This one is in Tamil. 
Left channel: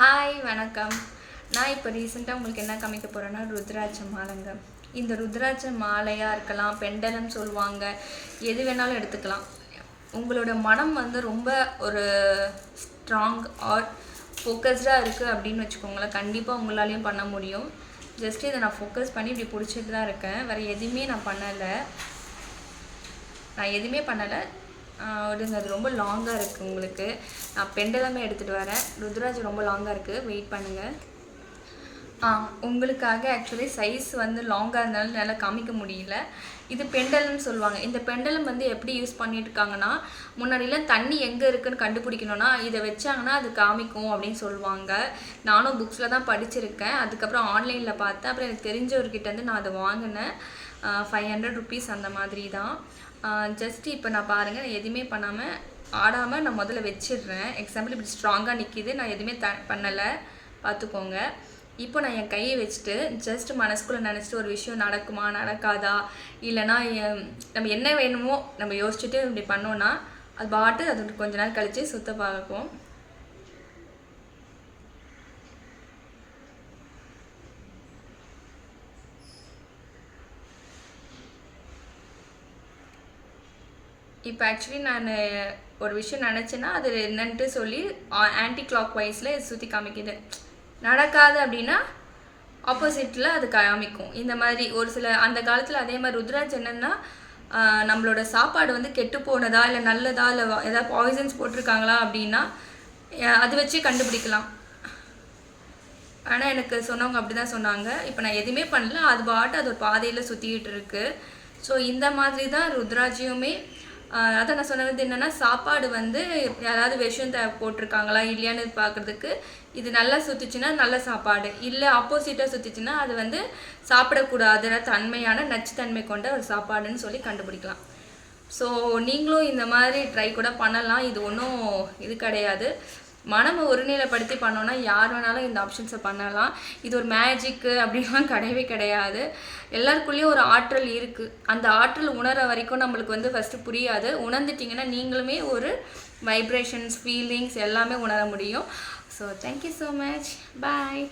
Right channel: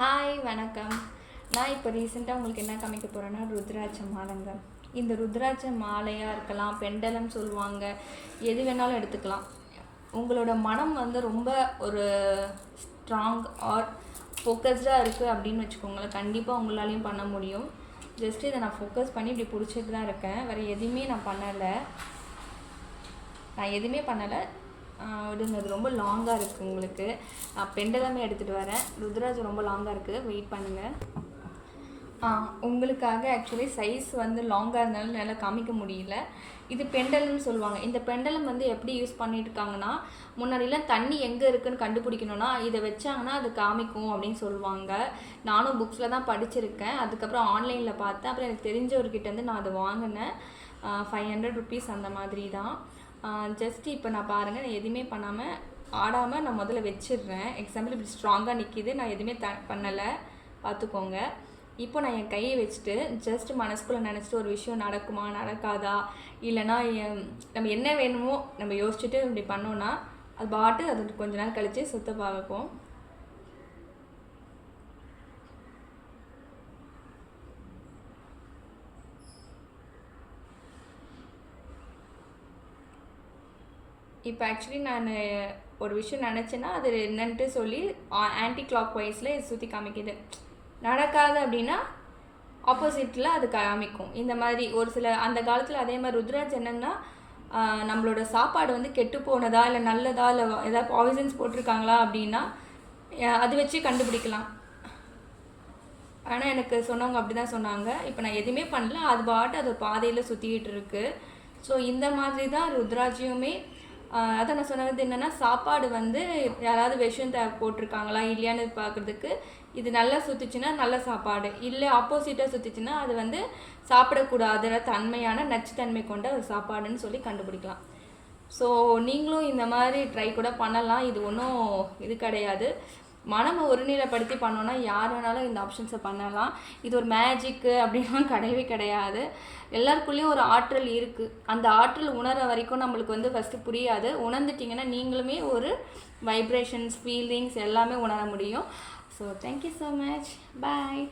ஹாய் வணக்கம். நான் இப்போ ரீசெண்டாக உங்களுக்கு என்ன காமிக்க போகிறேன்னா ருத்ராட்ச மாலைங்க. இந்த ருத்ராட்ச மாலையாக இருக்கலாம், பெண்டலம் சொல்லுவாங்க, எது வேணாலும் எடுத்துக்கலாம். உங்களோட மனம் வந்து ரொம்ப ஒரு ஸ்ட்ராங் ஆர் ஃபோக்கஸ்டாக இருக்குது அப்படின்னு வச்சுக்கோங்களேன், கண்டிப்பாக உங்களாலையும் பண்ண முடியும். ஜஸ்ட் இதை நான் ஃபோக்கஸ் பண்ணி இப்படி பிடிச்சிட்டு தான் இருக்கேன், வேறு எதுவுமே நான் பண்ணலை. அது ரொம்ப லாங்காக இருக்குது. உங்களுக்கு நான் பெண்டலமே எடுத்துகிட்டு வரேன். ருத்ராஜ் ரொம்ப லாங்காக இருக்குது, வெயிட் பண்ணுங்கள். உங்களுக்காக ஆக்சுவலி சைஸ் வந்து லாங்காக இருந்தாலும் நல்லா காமிக்க முடியல. இது பெண்டலம்னு சொல்லுவாங்க. இந்த பெண்டலம் வந்து எப்படி யூஸ் பண்ணிட்டு இருக்காங்கன்னா, முன்னாடிலாம் தண்ணி எங்கே இருக்குதுன்னு கண்டுபிடிக்கணும்னா இதை வச்சாங்கன்னா அது காமிக்கும் அப்படின்னு சொல்லுவாங்க. நானும் புக்ஸில் தான் படிச்சிருக்கேன், அதுக்கப்புறம் ஆன்லைனில் பார்த்தேன். அப்புறம் எனக்கு தெரிஞ்சவர்கிட்டேருந்து நான் அதை வாங்கினேன். 500 ருபீஸ் அந்த மாதிரி தான். ஜஸ்ட் இப்போ நான் பாருங்கள், நான் எதுவுமே பண்ணாமல் ஆடாமல் நான் முதல்ல வச்சிடுறேன். எக்ஸாம்பிள் இப்படி ஸ்ட்ராங்காக நிற்கிது, நான் எதுவுமே பண்ணலை, பார்த்துக்கோங்க. இப்போ நான் என் கையை வச்சுட்டு ஜஸ்ட் மனசுக்குள்ளே நினச்சிட்டு ஒரு விஷயம் நடக்குமா நடக்காதா, இல்லைனா நம்ம என்ன வேணுமோ நம்ம யோசிச்சுட்டு இப்படி பண்ணோன்னா அது பாட்டு அது கொஞ்ச நேரம் கழித்து சுத்த பார்ப்போம். இப்போ ஆக்சுவலி நான் ஒரு விஷயம் நினச்சேன்னா அது என்னன்ட்டு சொல்லி ஆன்டி கிளாக் வைஸில் சுற்றி காமிக்குது. நடக்காது அப்படின்னா ஆப்போசிட்டில் அது காமிக்கும். இந்த மாதிரி ஒரு சில அந்த காலத்தில் அதே மாதிரி ருத்ராஜ் என்னென்னா நம்மளோட சாப்பாடு வந்து கெட்டு போனதா இல்லை நல்லதா இல்லை ஏதாவது பாய்சன்ஸ் போட்டிருக்காங்களா அப்படின்னா அது வச்சு கண்டுபிடிக்கலாம். ஆனால் எனக்கு சொன்னவங்க அப்படி தான் சொன்னாங்க. இப்போ நான் எதுவுமே பண்ணல, அது பாட்டு அது ஒரு பாதையில் சுற்றிக்கிட்டு இருக்குது. ஸோ இந்த மாதிரி தான் ருத்ராஜியுமே. அதை நான் சொன்னது என்னென்னா, சாப்பாடு வந்து யாராவது விஷம் போட்டிருக்காங்களா இல்லையான்னு பார்க்குறதுக்கு இது நல்லா சுற்றுச்சுன்னா நல்ல சாப்பாடு, இல்லை ஆப்போசிட்டாக சுற்றுச்சுன்னா அது வந்து சாப்பிடக்கூடாத தன்மையான நச்சுத்தன்மை கொண்ட ஒரு சாப்பாடுன்னு சொல்லி கண்டுபிடிக்கலாம். ஸோ நீங்களும் இந்த மாதிரி ட்ரை கூட பண்ணலாம். இது ஒன்றும் இது கிடையாது. மனமை ஒருநிலைப்படுத்தி பண்ணோன்னா யார் வேணாலும் இந்த ஆப்ஷன்ஸை பண்ணலாம். இது ஒரு மேஜிக்கு அப்படின்லாம் கிடையவே கிடையாது. எல்லாருக்குள்ளேயும் ஒரு ஆற்றல் இருக்குது. அந்த ஆற்றல் உணர வரைக்கும் நம்மளுக்கு வந்து ஃபஸ்ட்டு புரியாது. உணர்ந்துட்டிங்கன்னா நீங்களுமே ஒரு வைப்ரேஷன்ஸ், ஃபீலிங்ஸ் எல்லாமே உணர முடியும். ஸோ தேங்க்யூ ஸோ மச், பாய்.